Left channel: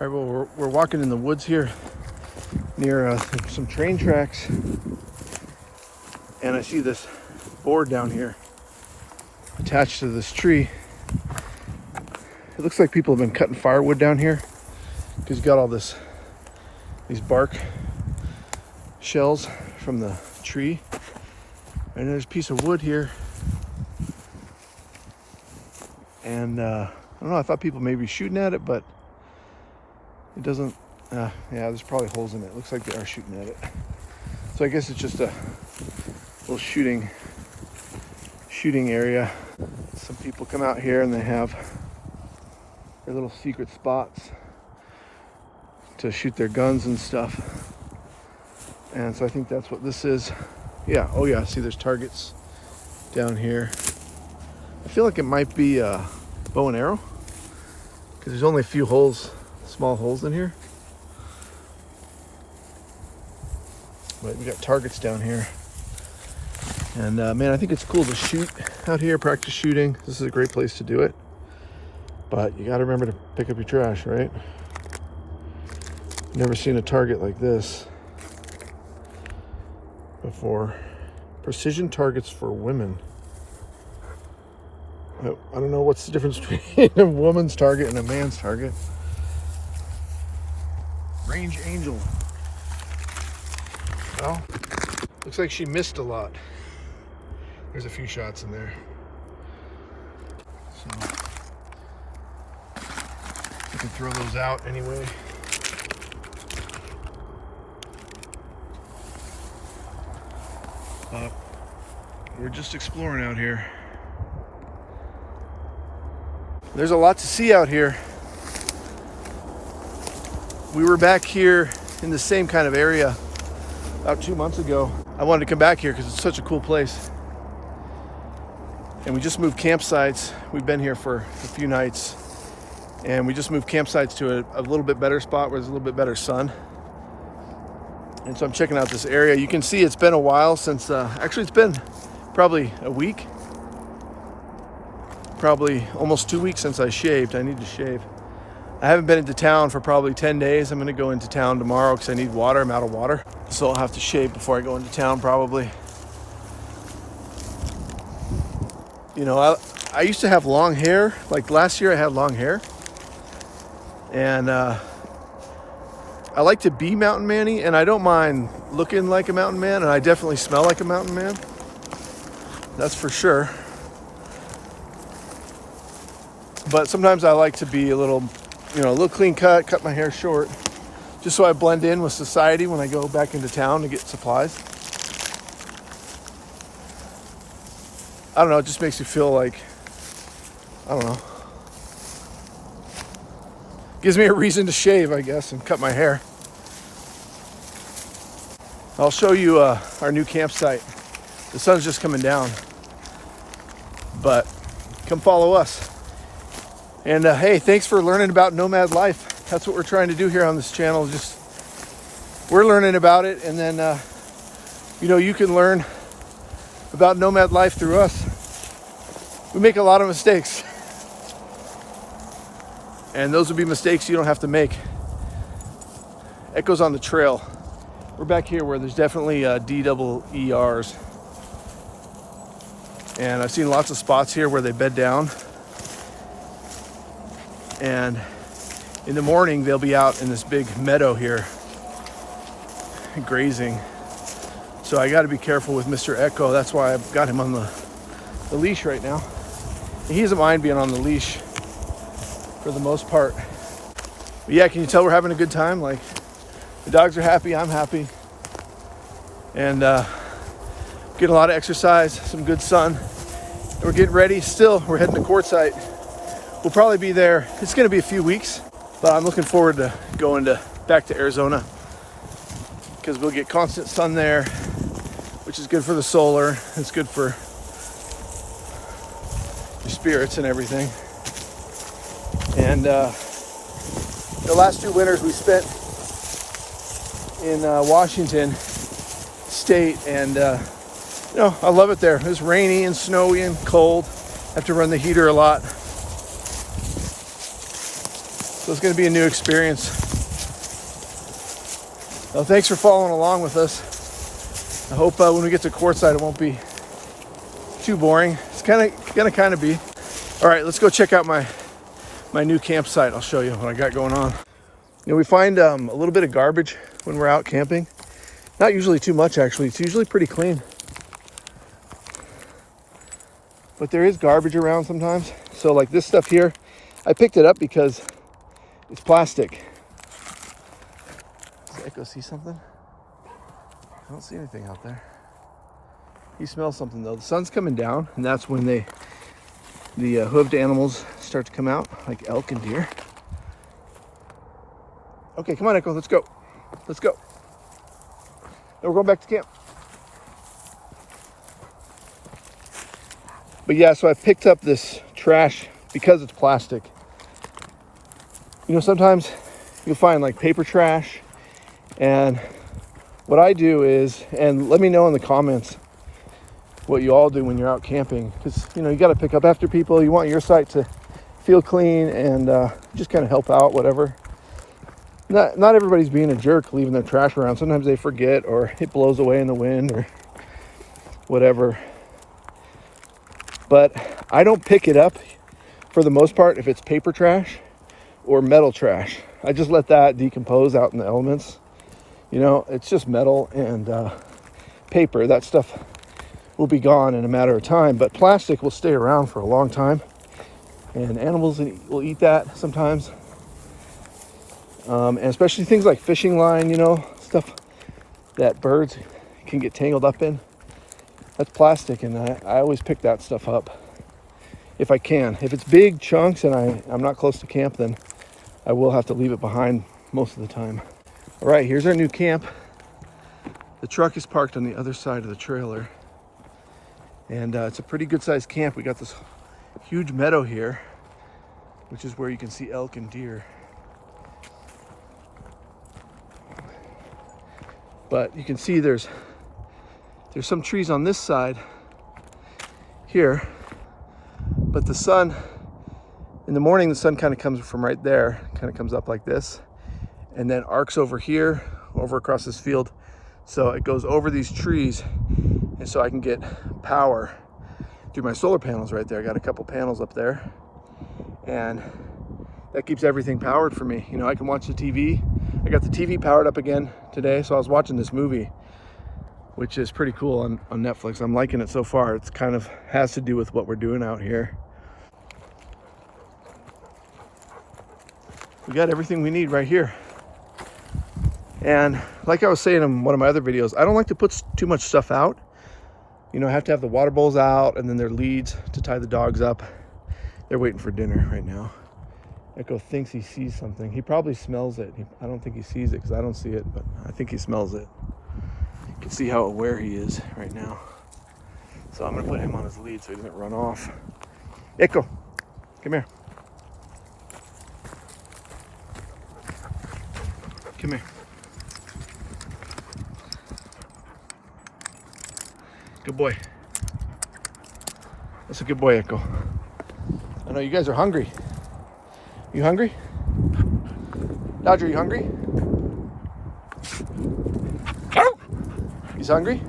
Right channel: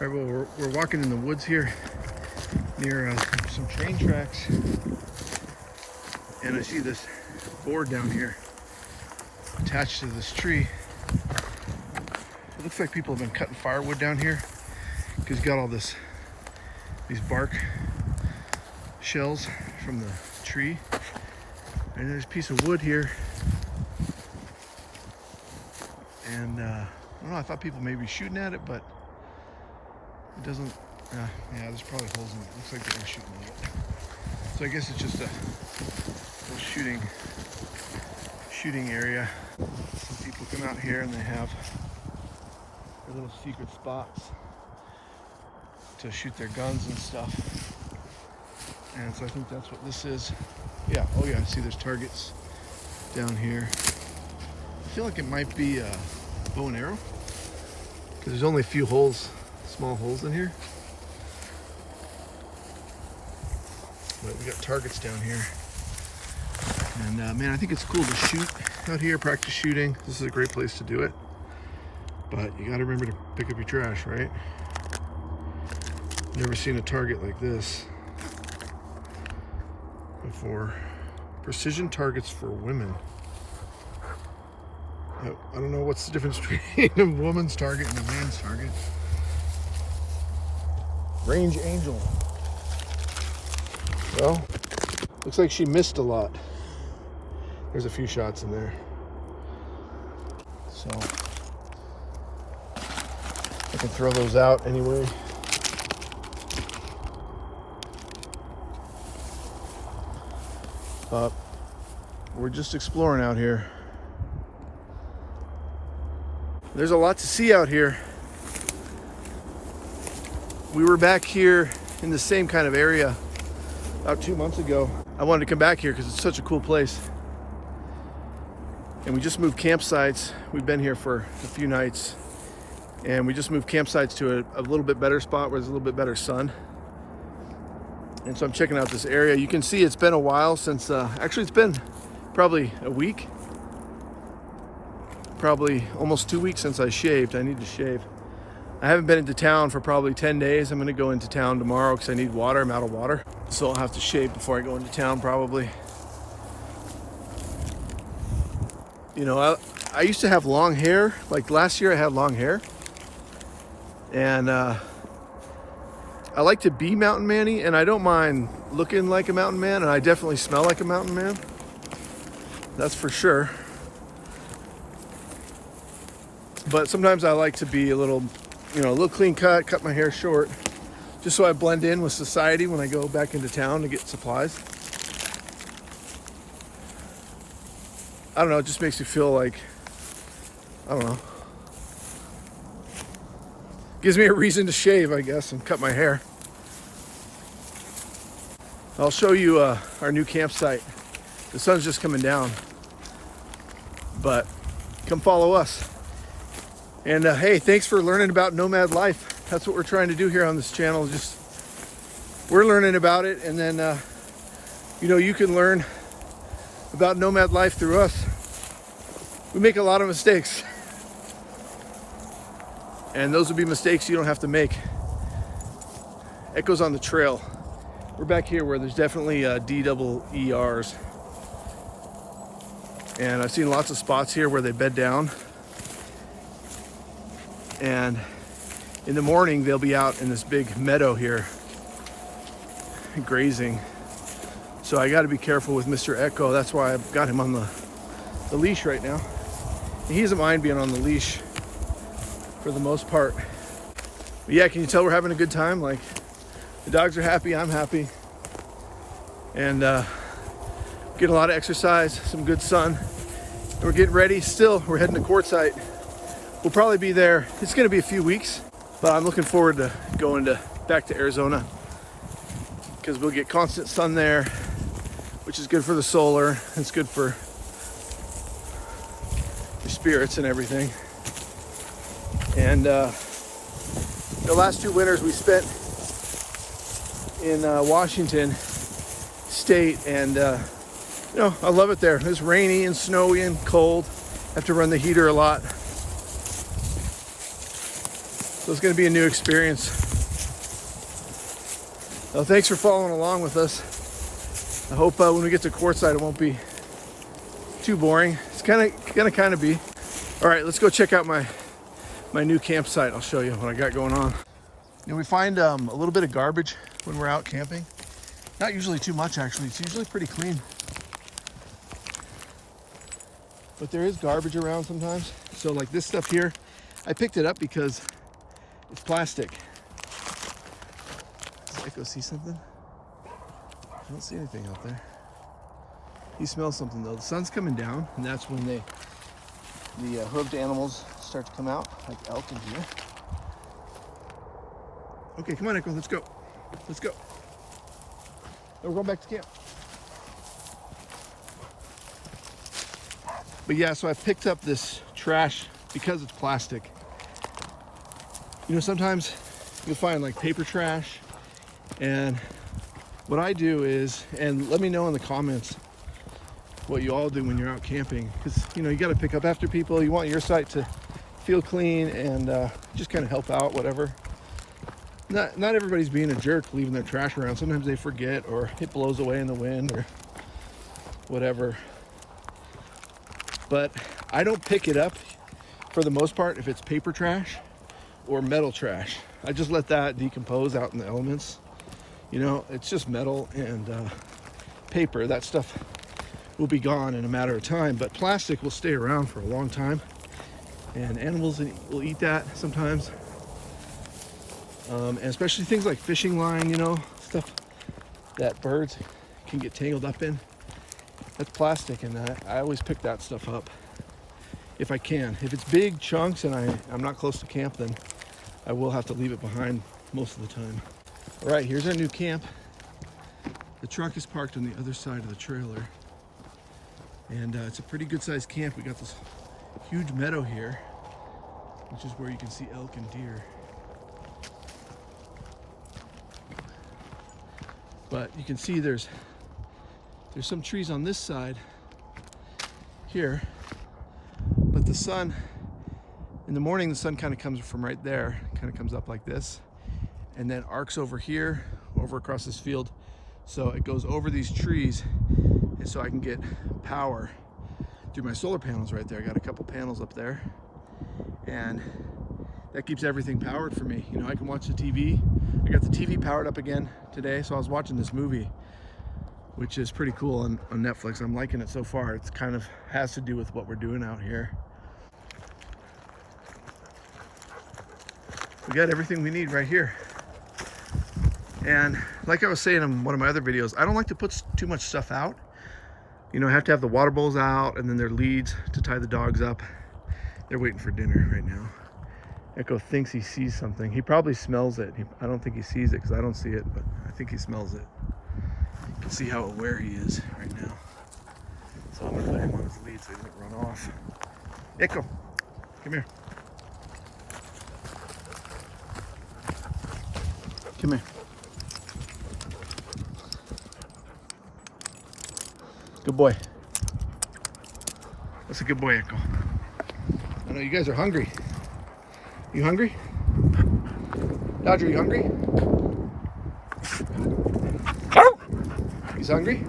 All right, well, we're walking in the woods here near some train tracks, and I see this board down here attached to this tree. It looks like people have been cutting firewood down here because you got all these bark shells from the tree, and there's a piece of wood here. And I don't know, I thought people may be shooting at it, but it doesn't. Yeah, there's probably holes in it. Looks like they are shooting at it. So I guess it's just a little shooting area. Some people come out here and they have their little secret spots to shoot their guns and stuff. And so I think that's what this is. Yeah, oh yeah, see there's targets down here. I feel like it might be a bow and arrow because there's only a few holes, small holes in here. But we got targets down here. And man, I think it's cool to shoot out here, practice shooting. This is a great place to do it. But you gotta remember to pick up your trash, right? Never seen a target like this before. Precision targets for women. I don't know what's the difference between a woman's target and a man's target. Range Angel. Well, looks like she missed a lot. There's a few shots in there. So I can throw those out anyway. But we're just exploring out here. There's a lot to see out here. We were back here in the same kind of area about 2 months ago. I wanted to come back here because it's such a cool place. And we just moved campsites. We've been here for a few nights. And we just moved campsites to a little bit better spot where there's a little bit better sun. And so I'm checking out this area. You can see it's been a while since, actually it's been probably a week. Probably almost 2 weeks since I shaved. I need to shave. I haven't been into town for probably 10 days. I'm gonna go into town tomorrow because I need water. I'm out of water. So I'll have to shave before I go into town probably. You know, I used to have long hair. Like last year I had long hair. And I like to be mountain man-y, and I don't mind looking like a mountain man, and I definitely smell like a mountain man. That's for sure. But sometimes I like to be a little, a little clean cut my hair short, just so I blend in with society when I go back into town to get supplies. I don't know, it just makes you feel like, I don't know. Gives me a reason to shave, I guess, and cut my hair. I'll show you our new campsite. The sun's just coming down, but come follow us. And hey, thanks for learning about Nomad life. That's what we're trying to do here on this channel. Just we're learning about it, and then you can learn about Nomad life through us. We make a lot of mistakes, and those would be mistakes you don't have to make. Echoes on the trail. We're back here where there's definitely DEERs, and I've seen lots of spots here where they bed down. And in the morning, they'll be out in this big meadow here, grazing. So I got to be careful with Mr. Echo. That's why I've got him on the leash right now. And he doesn't mind being on the leash for the most part. But yeah, can you tell we're having a good time? Like, the dogs are happy, I'm happy. And getting a lot of exercise, some good sun. And we're getting ready still. We're heading to Quartzsite. We'll probably be there. It's going to be a few weeks, but I'm looking forward to going back to Arizona because we'll get constant sun there, which is good for the solar. It's good for your spirits and everything. And the last 2 winters we spent in Washington State, and I love it there. It's rainy and snowy and cold. Have to run the heater a lot. So it's going to be a new experience. Well, thanks for following along with us. I hope when we get to Quartzsite, it won't be too boring. It's gonna be. All right, let's go check out my new campsite. I'll show you what I got going on. You know, we find a little bit of garbage when we're out camping. Not usually too much, actually. It's usually pretty clean. But there is garbage around sometimes. So like this stuff here, I picked it up because it's plastic. Does Echo see something? I don't see anything out there. He smells something though. The sun's coming down, and that's when the hooved animals start to come out, like elk and deer. Okay, come on, Echo, let's go. Let's go. Then we're going back to camp. But yeah, so I picked up this trash because it's plastic. You know, sometimes you'll find like paper trash, and what I do is, and let me know in the comments what you all do when you're out camping, because you know, you got to pick up after people. You want your site to feel clean and just kind of help out, whatever. Not everybody's being a jerk leaving their trash around. Sometimes they forget, or it blows away in the wind or whatever. But I don't pick it up for the most part if it's paper trash or metal trash. I just let that decompose out in the elements. You know, it's just metal and paper. That stuff will be gone in a matter of time, but plastic will stay around for a long time, and animals will eat that sometimes. And especially things like fishing line, you know, stuff that birds can get tangled up in. That's plastic, and I always pick that stuff up if I can. If it's big chunks and I'm not close to camp, then I will have to leave it behind most of the time. All right, here's our new camp. The truck is parked on the other side of the trailer, and it's a pretty good sized camp. We got this huge meadow here, which is where you can see elk and deer. But you can see there's some trees on this side here, but the sun, in the morning, the sun kind of comes from right there, kind of comes up like this, and then arcs over here, over across this field. So it goes over these trees, and so I can get power through my solar panels right there. I got a couple panels up there, and that keeps everything powered for me. You know, I can watch the TV. I got the TV powered up again today, so I was watching this movie, which is pretty cool on Netflix. I'm liking it so far. It's kind of has to do with what we're doing out here. We got everything we need right here. And like I was saying in one of my other videos, I don't like to put too much stuff out. You know, I have to have the water bowls out, and then their leads to tie the dogs up. They're waiting for dinner right now. Echo thinks he sees something. He probably smells it. I don't think he sees it because I don't see it, but I think he smells it. You can see how aware he is right now. So I'm gonna put him on his lead so he doesn't run off. Echo, come here. Come here. Good boy. That's a good boy, Echo. I know you guys are hungry. You hungry? Dodger, you hungry? He's hungry?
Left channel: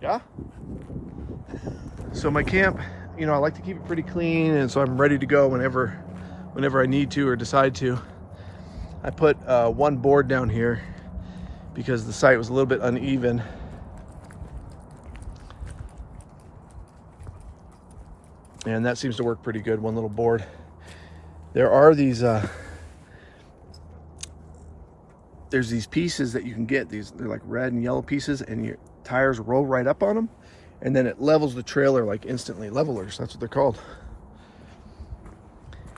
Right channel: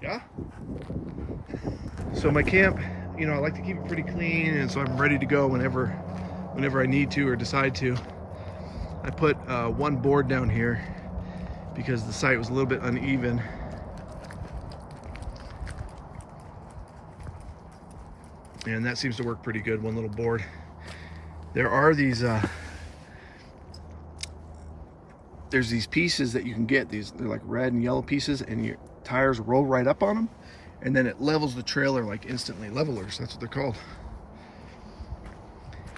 Yeah? So my camp, you know, I like to keep it pretty clean, and so I'm ready to go whenever I need to or decide to. I put one board down here because the site was a little bit uneven. And that seems to work pretty good, one little board. There are these, there's these pieces that you can get. They're like red and yellow pieces, and your tires roll right up on them, and then it levels the trailer like instantly. Levelers, that's what they're called.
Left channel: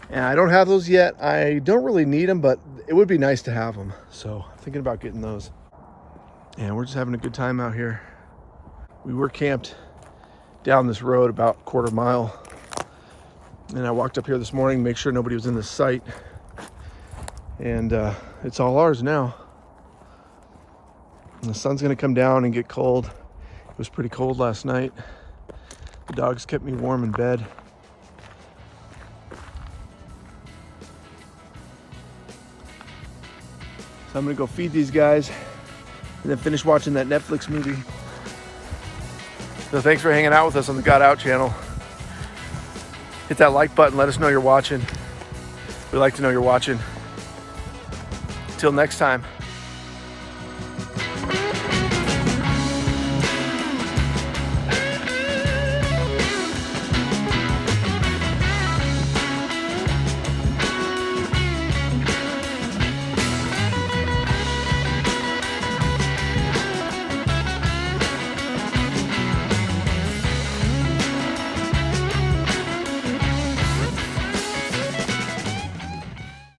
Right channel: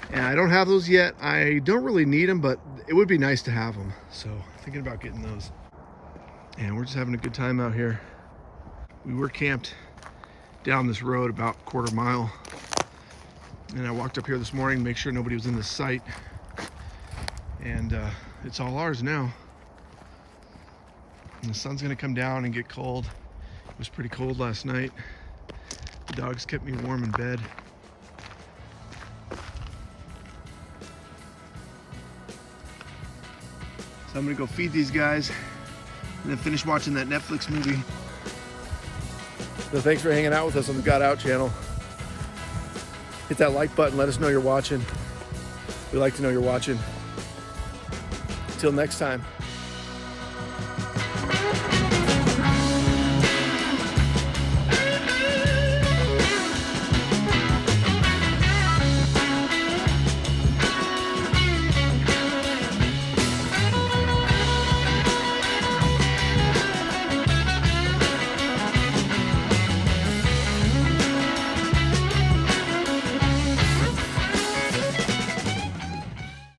And I don't have those yet. I don't really need them, but it would be nice to have them. So thinking about getting those. And we're just having a good time out here. We were camped down this road about a quarter mile. And I walked up here this morning to make sure nobody was in the site. And it's all ours now. And the sun's gonna come down and get cold. It was pretty cold last night. The dogs kept me warm in bed. So I'm gonna go feed these guys and then finish watching that Netflix movie. So thanks for hanging out with us on the Got Out channel. Hit that like button, let us know you're watching. We like to know you're watching. Until next time.